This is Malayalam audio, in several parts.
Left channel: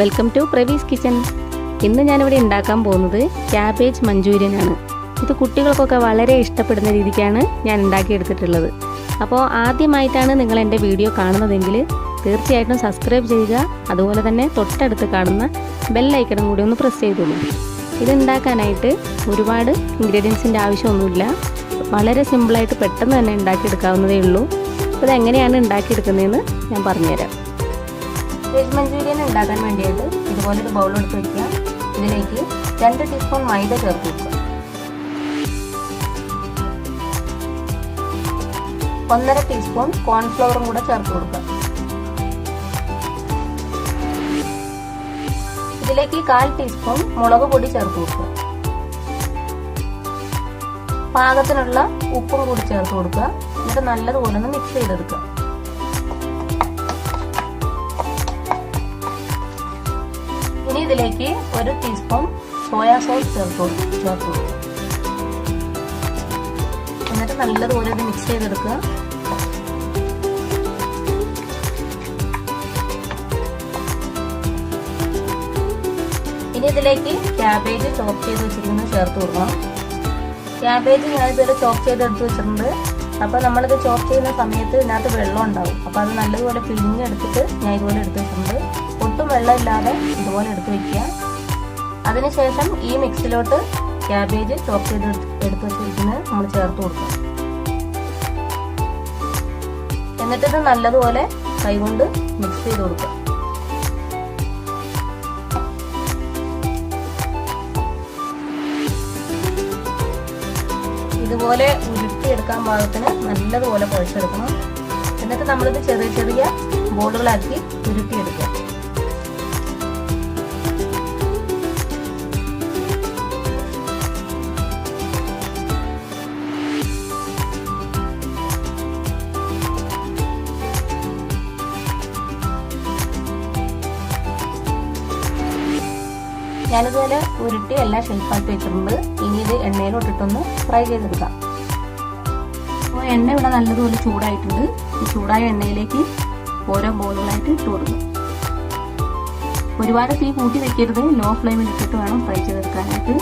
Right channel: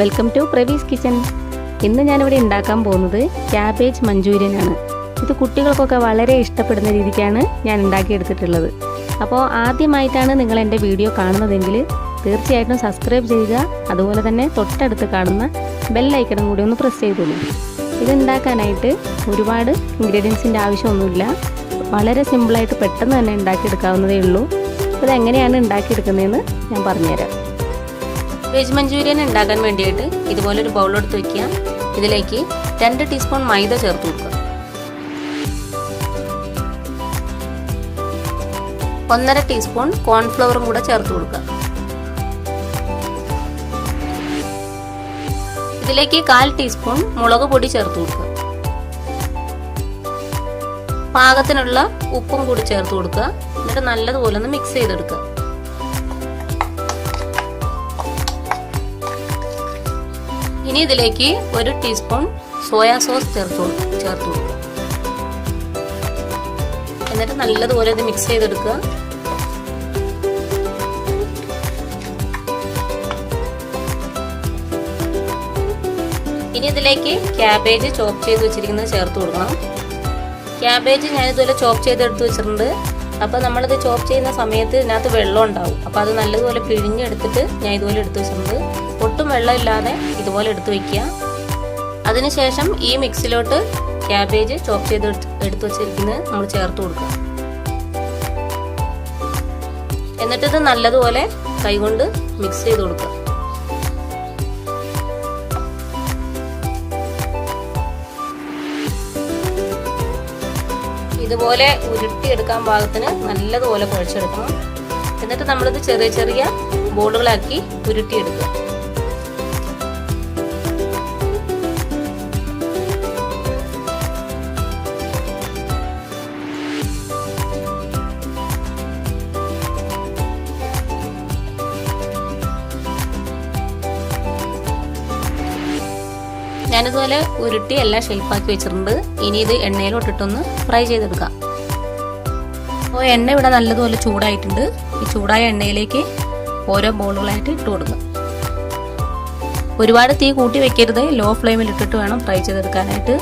Welcome to പ്രവീസ് kitchen. ഇന്ന് ഞാനിവിടെ ഉണ്ടാക്കാൻ പോകുന്നത് ക്യാബേജ് മഞ്ചൂരിയൻ ആണ്. ഇത് കുട്ടികൾക്കൊക്കെ വളരെ ഇഷ്ടപ്പെടുന്ന രീതിക്കാണ് ഞാൻ ഉണ്ടാക്കിയെടുത്തിട്ടുള്ളത്. അപ്പോൾ ആദ്യമായിട്ടാണ് നിങ്ങൾ എൻ്റെ വീഡിയോ കാണുന്നതെങ്കിൽ തീർച്ചയായിട്ടും സബ്സ്ക്രൈബ് ചെയ്യുക. അതുപോലെ തന്നെ തൊട്ടടുത്ത് കാണുന്ന ബെൽ ഐക്കണും കൂടി ഒന്ന് പ്രസ് ചെയ്തോളൂ. ഇത് ഉണ്ടാക്കാനായിട്ട് ഒരുപാട് ഇൻഗ്രീഡിയൻസിൻ്റെ ആവശ്യമൊന്നുമില്ല. വളരെ സിമ്പിളായിട്ട് പെട്ടെന്ന് തന്നെ ഉണ്ടാക്കിയെടുക്കാവുന്നതേ ഉള്ളൂ. ഇത് എങ്ങനെയാണ് ഉണ്ടാക്കിയെടുക്കുന്നതെന്ന് ഞാൻ പറഞ്ഞുതരാം. വെജ് മഞ്ചൂരിയൻ ഉണ്ടാക്കാൻ വേണ്ടിയിട്ട് ഇതുപോലൊരു ബൗൾ എടുത്ത് വയ്ക്കുക. ഇതിലേക്ക് 2 ടീസ്പൂൺ മൈദ ചേർത്ത് കൊടുക്കുക. 1.5 ടീസ്പൂൺ കോൺഫ്ലവറും കൂടെ ചേർത്ത് കൊടുക്കുക. ഇതിലേക്ക് 1/4 ടീസ്പൂൺ മുളക് പൊടി ചേർത്ത് കൊടുക്കുക. പാകത്തിനുള്ള ഉപ്പും കൂടി ചേർത്ത് കൊടുക്കുക. എന്നിട്ട് നല്ലതുപോലെ ഒന്ന് മിക്സ് ചെയ്തെടുക്കുക. ഇനി ഇതിലേക്ക് 1 ടീസ്പൂൺ സോയാ സോസ് ചേർത്ത് കൊടുക്കുക. എന്നിട്ട് നല്ലതുപോലെ ഇത് മിക്സ് ചെയ്തെടുക്കുക. ഇനി ഇതിലേക്ക് ക്യാബേജ് ചോപ്പ് ചെയ്ത് വെച്ചിരിക്കുന്നത് ചേർത്ത് കൊടുക്കണം. ക്യാബേജ് ഞാൻ ഇതുപോലെ ചോപ്പ് ചെയ്തെടുത്ത് വെച്ചിട്ടുണ്ട്. അപ്പോൾ നമ്മളത് ചോപ്പ് ചെയ്യുന്ന സമയത്ത് ഇതിനകത്ത് വെള്ളം ഉണ്ടാവും. അപ്പോൾ അത് നല്ലതുപോലെ പിഴിഞ്ഞെടുത്തിട്ട് ഞാൻ ഇതുപോലെ എടുത്ത് വെച്ചിട്ടുണ്ട്. ഒട്ടും വെള്ളമില്ലാതെ ഇതുപോലെ എടുത്ത് വയ്ക്കുക. അതിനുശേഷം ഈ മിക്സിലോട്ട് ക്യാബേജ് ചോപ്പ് ചെയ്ത് എടുത്ത് വെച്ചിരിക്കുന്നത് നമ്മൾ ചേർത്ത് കൊടുക്കുക. എന്നിട്ടിത് നല്ലതുപോലെ കൈകൊണ്ട് മിക്സ് ചെയ്ത് കൊടുക്കുക. ഇതുപോലെ ഉരുട്ടിയെടുക്കാൻ പാകത്തിന് നല്ലതുപോലെ കുഴച്ചെടുക്കണം. എന്നിട്ട് നമ്മളിത് ചെറിയ ചെറിയ ബോളുകളാക്കി ഉരുട്ടിയെടുക്കുക. ഞാനിതുപോലെ ഉരുട്ടി എല്ലാം ഷേപ്പാക്കി വെച്ചിട്ടുണ്ട്. ഇനി ഇത് എണ്ണയിലോട്ടിട്ടൊന്ന് ഫ്രൈ ചെയ്തെടുക്കാം. അപ്പോൾ എണ്ണ ഇവിടെ നല്ലതുപോലെ ചൂടായിട്ടുണ്ട്. ഈ ചൂടായ എണ്ണയിലേക്ക് ഓരോ ബോളുകളായിട്ട് ഇട്ട് കൊടുക്കാം. ഒരുപാട് തീ കൂട്ടി വെക്കരുത്. ലോ ഫ്ലെയിമിൽ ഇട്ടിട്ട് വേണം ഫ്രൈ ചെയ്തെടുക്കാനായിട്ട്.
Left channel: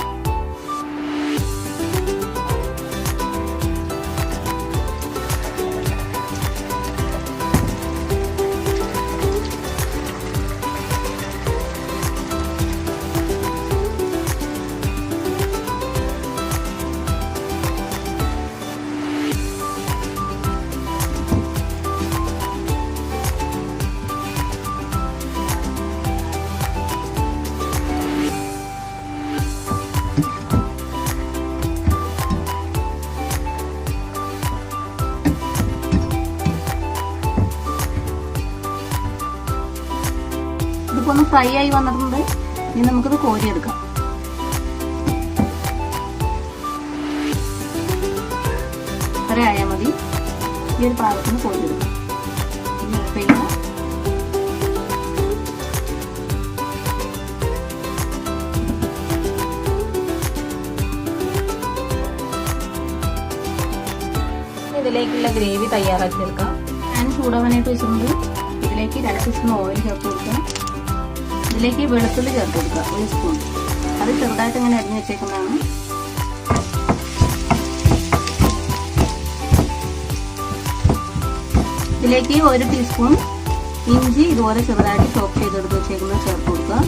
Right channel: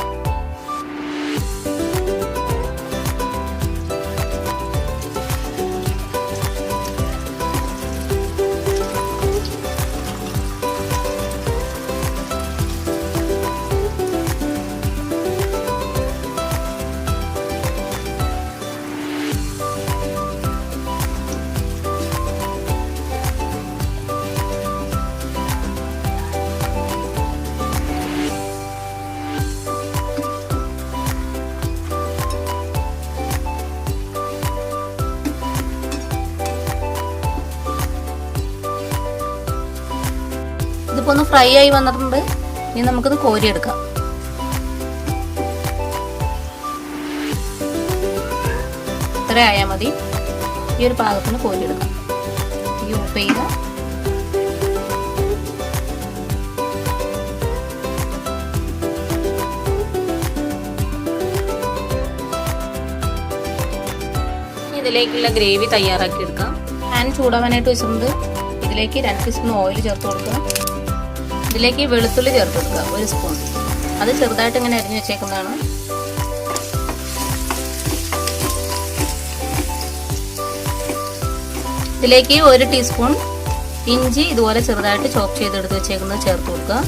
ഒന്ന് ഫ്രൈ ആയി വന്നിട്ടുണ്ട്. ഇനി നമുക്കിത് കോരിയെടുക്കാം. ഇത്ര ആയാൽ മതി. ഈ ഒരു പാകത്തിന് കോരിയെടുക്കാം. ഈ ഉപ്പ് ചെയ്യുക. ഇതിലേക്കുള്ള ഗ്രേവി തയ്യാറാക്കി എടുക്കാം. പാൻ ചൂടാവാനായിട്ട് വെച്ചിട്ടുണ്ട്. ഇതിലേക്ക് 2 ടീസ്പൂൺ ഓയിൽ ചേർത്ത് കൊടുക്കുക. ഇതിലേക്ക് വെളുത്തുള്ളി ചേർത്ത് കൊടുക്കുക. 1 സ്പൂൺ. അത് ചെറുതായിട്ട് ഇങ്ങനെ അരിഞ്ഞു വെച്ചേക്കുന്നതാണ്. ഇതിലേക്ക് 1 ടീസ്പൂൺ ഇഞ്ചി ഇതുപോലെ ചെറുതായിട്ട് ചോപ്പ് ചെയ്തെടുത്ത് വെച്ചേക്കുന്നത് ചേർത്ത് കൊടുക്കുക.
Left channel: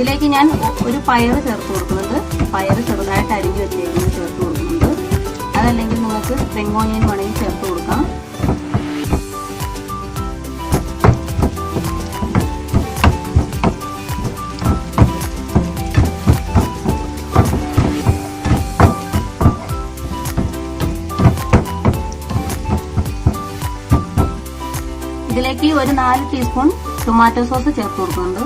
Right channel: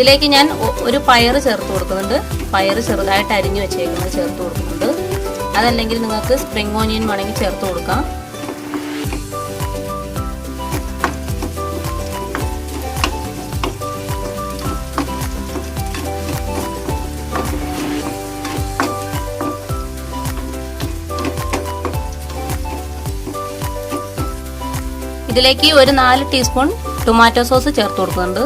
ഇതിലേക്ക് ഞാൻ ഒരു പയർ ചേർത്ത് കൊടുക്കുന്നുണ്ട്. പയർ ചെറുതായിട്ട് അരിഞ്ഞു വെച്ചേക്കുന്നത് ചേർത്ത് കൊടുക്കുന്നുണ്ട്. അതല്ലെങ്കിൽ നിങ്ങൾക്ക് സ്പ്രിംഗ് ഓനിയൻ വേണമെങ്കിൽ ചേർത്ത് കൊടുക്കാം. ഇതിലേക്ക് ഒരു 4 ടീസ്പൂൺ ടൊമാറ്റോ സോസ് ചേർത്ത് കൊടുക്കുന്നുണ്ട്.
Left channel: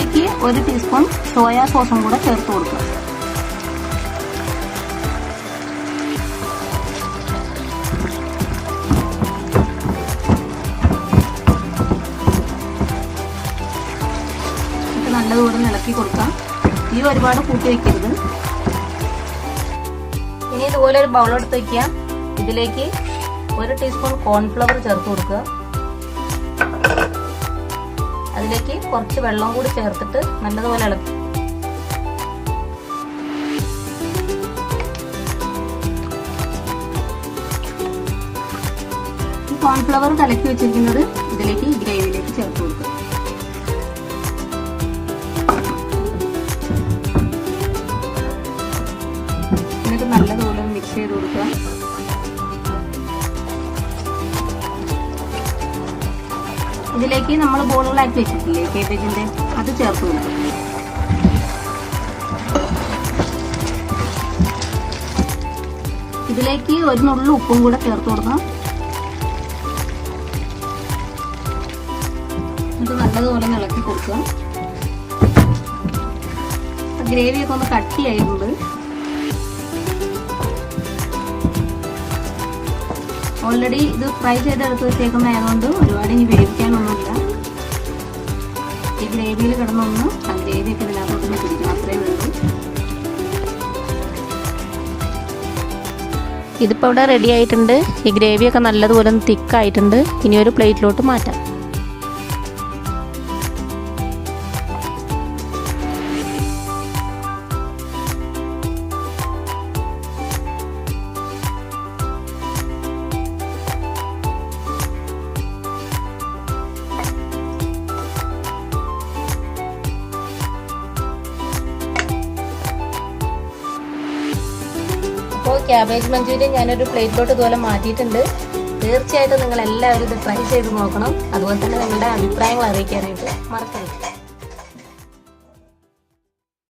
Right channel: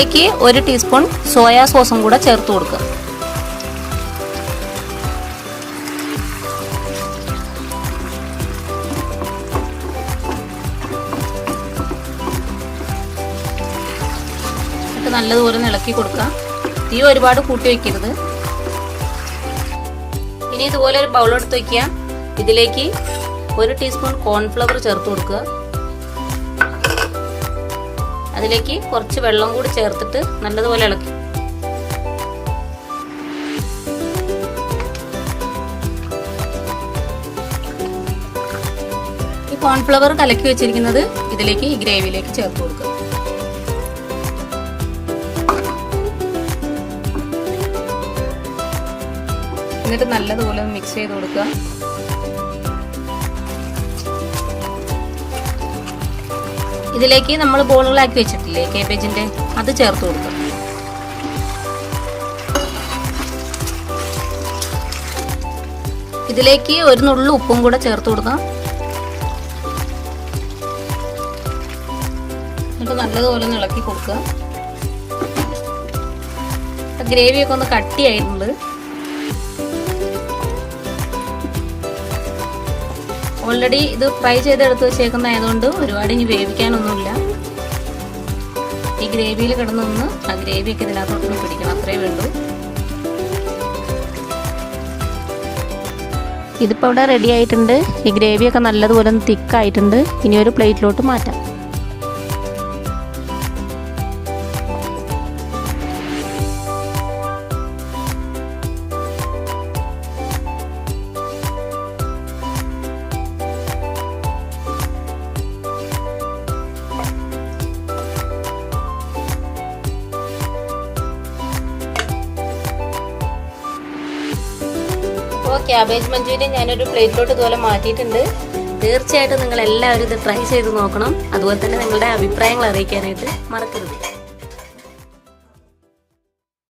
ഇതിലേക്ക് 1 ടീസ്പൂൺ സോയാ സോസും കൂടെ ചേർത്ത് കൊടുക്കുക. ഇത് നല്ലതുപോലെ ഇളക്കി കൊടുക്കാം. തീ ഒരുപാട് കൂട്ടി വെക്കരുത്. ഇനി ഇതുപോലെ ഒരു ബൗൾ എടുത്ത് വെക്കുക. ഇതിലേക്ക് 1 ടീസ്പൂൺ കോൺഫ്ലവർ ചേർത്ത് കൊടുക്കുക. അതിലേക്ക് കുറച്ച് വെള്ളം കൂടി ചേർത്തിട്ട് നല്ലതുപോലെ ഇളക്കി. ഈ കോൺഫ്ലവർ കലക്കി വെച്ചിരിക്കുന്നത് ഇതിലേക്ക് ഈ ഗ്രേവിയിലേക്ക് ചേർത്ത് കൊടുക്കുക. എന്നിട്ട് നല്ലതുപോലെ മിക്സ് ചെയ്ത് കൊടുക്കുക. ഇതിലേക്ക് നമ്മൾ ബോളുകളാക്കി വെച്ചിട്ടില്ലേ കേബേജിന്റെ, അത് ചേർത്ത് കൊടുക്കും. ഇതിലേക്ക് 1 നുള്ളു ഉപ്പും കൂടെ ചേർത്ത് കൊടുക്കാം. എന്നിട്ട് നല്ലതുപോലെ ഇളക്കി കൊടുക്കുക. ഗ്രേവിയൊക്കെ ഒന്ന് കട്ടിയായിട്ടുണ്ട്. ഓൾറെഡി ഇത് ഫ്രൈ ചെയ്തെടുത്ത് വെച്ചേക്കുന്നതായതുകൊണ്ട് ഒരുപാട് ഇനി വേവിക്കാനൊന്നുമില്ല. ഈ ഗ്രേവിയിൽ കിടന്നൊന്ന് ആ ഗ്രേവിയൊക്കെ ഇതിനകത്തൊന്ന് പിടിക്കണം, അത്രേ വേണ്ടൂ. ഇതിപ്പോൾ ഇവിടെ റെഡി ആയിട്ടുണ്ട്. ഈ ഗ്രേവിയൊക്കെ നല്ലതുപോലെ ഒന്ന് തിക്കായിട്ടുണ്ട്. ഇനി ഒരു പ്ലേറ്റിലോട്ട് മാറ്റാം. ക്യാബേജ് മഞ്ചൂരിയൻ ഞാനൊരു പ്ലേറ്റിലോട്ട് ഇതുപോലെ മാറ്റിയിട്ടുണ്ട്. തീർച്ചയായിട്ടും നിങ്ങൾ എല്ലാവരും ഇത് ട്രൈ ചെയ്ത് നോക്കണം. അതുപോലെ തന്നെ നിങ്ങളുടെ അഭിപ്രായങ്ങൾ അറിയിക്കാനായിട്ട് മറക്കരുത്.